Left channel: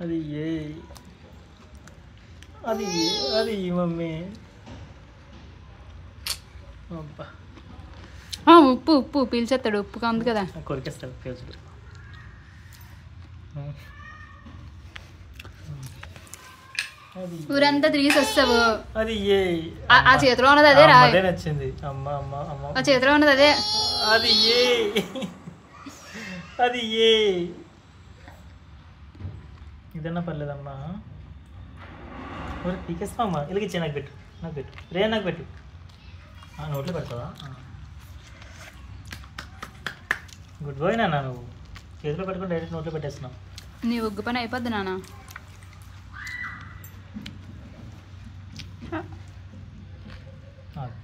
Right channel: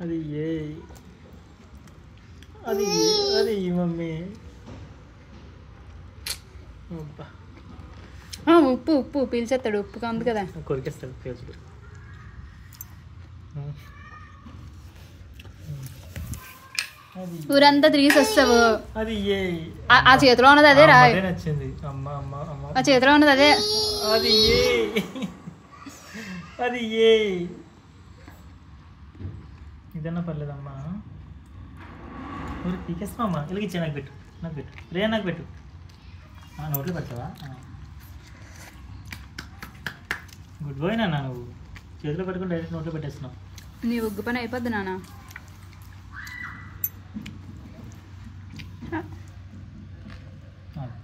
అది ఏ అది అది మమ్మీ ఉప్పు ఉప్పు పీల్చేస్తాడు ఉప్పుగా ఉంది కదా కొరికేస్తాడు పీల్చుడు ఊరంతా తిరిగి వస్తావు అది ఏ ఆ చేతిలో ఉన్నది అదే రా నచ్చింది అమ్మ అమ్మ అమ్మ ఆ చేతిలో ఉన్నది అదే అది ఏ అది ఏ ఇదన్నా పర్లేదమ్మా పీకేస్తామమ్మా వెలిగించే నాకు పెట్టు రే నాకు పెట్టు నోట్లో పెడతావా గుడ్ బాయ్ నాన్న నువ్వు చేతిలో పెట్టుకుని డైరెక్ట్ నోట్లో పెట్టేస్తున్నావు నీ ఒగ్గు పని అయిపోద్ది నాన్న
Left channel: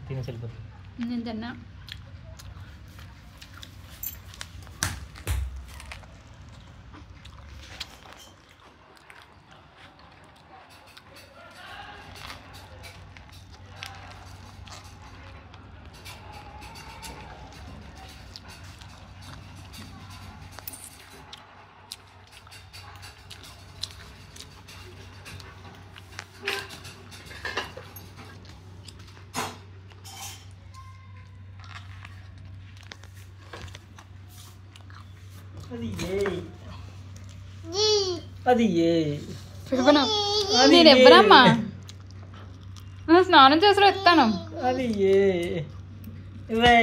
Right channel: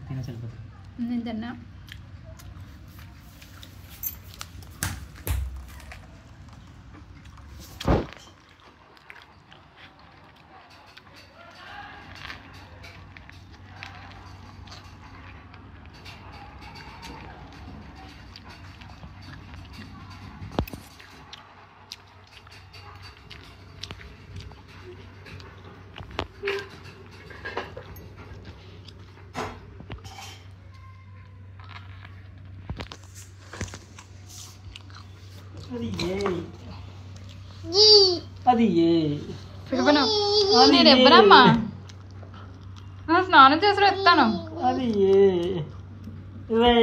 తినేసి వెళ్ళిపోతుంది నేను తిన్నా అది ఏ నేను ఎవ్వరమ్మా స్నానం చేసి ఎత్తాను అది ఏ ఇవే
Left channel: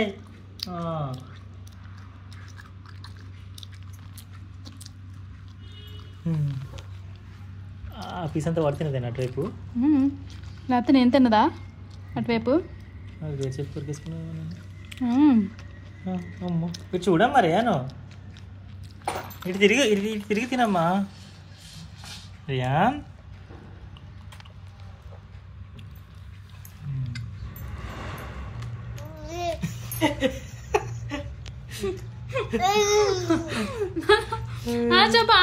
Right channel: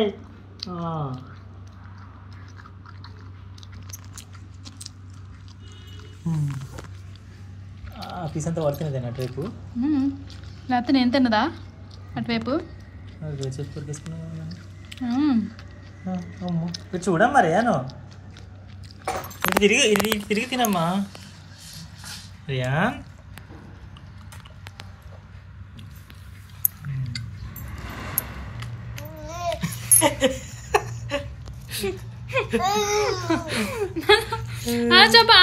పీస్ అంతా పడుతున్నది అటువైపు లేకపోతే నేను తిన్నదా అటువైపు ఇటు చూడమ్మా మరి ఏను ఇటు తిరిగి తినమ్మా రియాన్ చెప్పా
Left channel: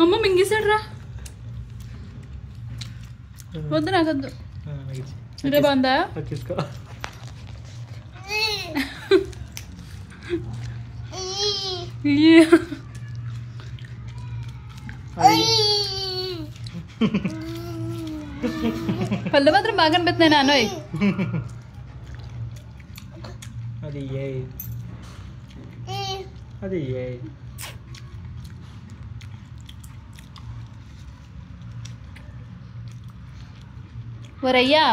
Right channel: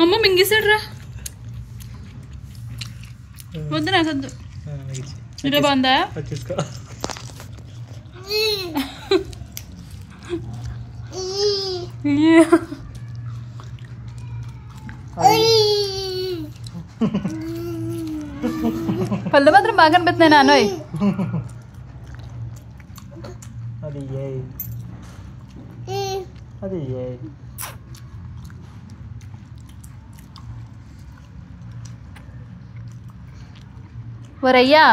అమ్మ మింగేసాడు రా వద్దు నాకు వద్దు ఇదే బాగుందా వచ్చేసుకో పళ్ళు మాత్రం బాగా అనిపిస్తున్నాయి నాన్నోయ్ అది ఏ అది ఏ ఓరయ్యా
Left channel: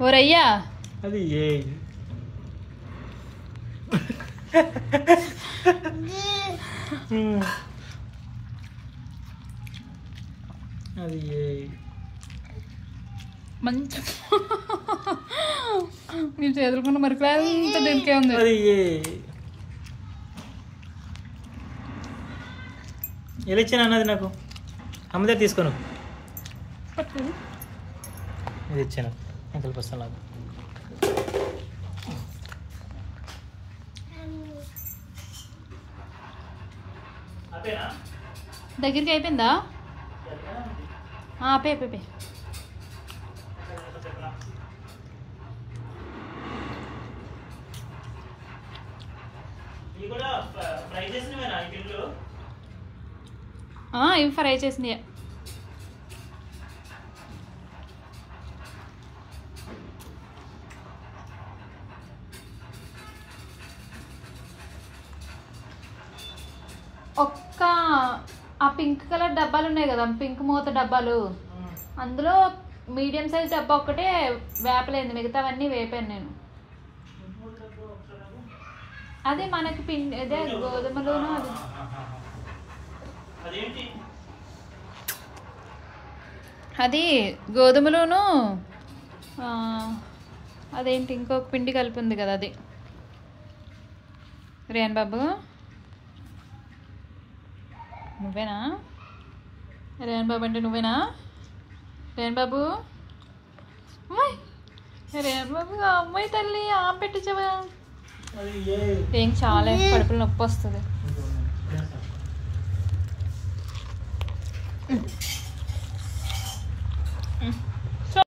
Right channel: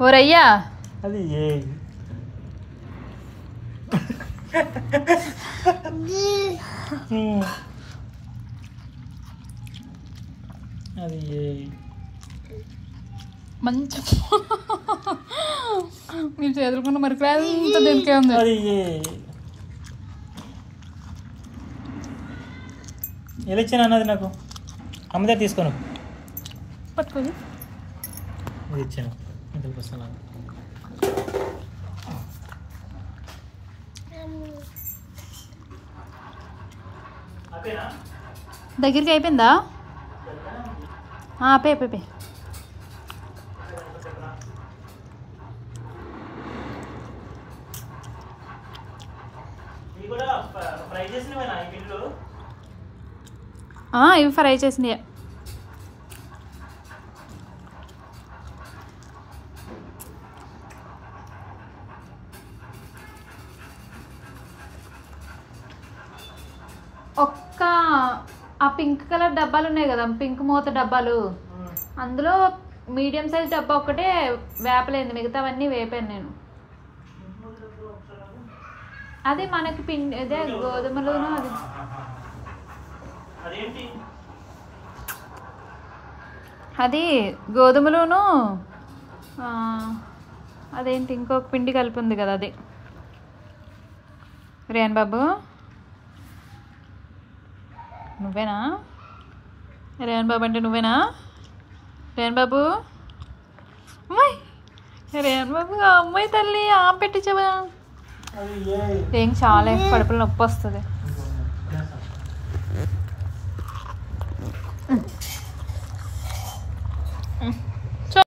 ఓరయ్యా అది ఏ అది ఏ మంచి మీరు చేతులుకున్న మరి అంత దీనికే ఉంది అది ఏ ఎలా ఇచ్చాను అన్నది నాకు అమ్మ దగ్గర తీసుకోను పట్టుకోదు ఇది ఇచ్చాను ఇంటికి వస్తాను దగ్గరికి అయిపోయిందా పే పే పే ఇవి ఫ్రై చేసినాయి ఒక్క ఆ పింక్ కలర్ డబ్బాలు ఉన్నాయి కదా పింక్ మూత డబ్బాలు అందులో మీడియం సైజ్ డబ్బా ఒక్కటే వేపలేదు మిగతావన్నీ వేపాను నేను అది మనకి పిండి అదే గోధుమలోను అది గోధుమలోను అదేంటి ఇంకొక పిండి కలిపి ఉంది కదా అది రేన్ బాబు నువ్వేనా రేన్ బాబు అంటే నువ్వేనా రేన్ బాబు అమ్మాయి రేన్ బాబు అమ్మాయి తల్లి పెట్టించవా ఏం చాలా కడుపులో నొప్పి వస్తుంది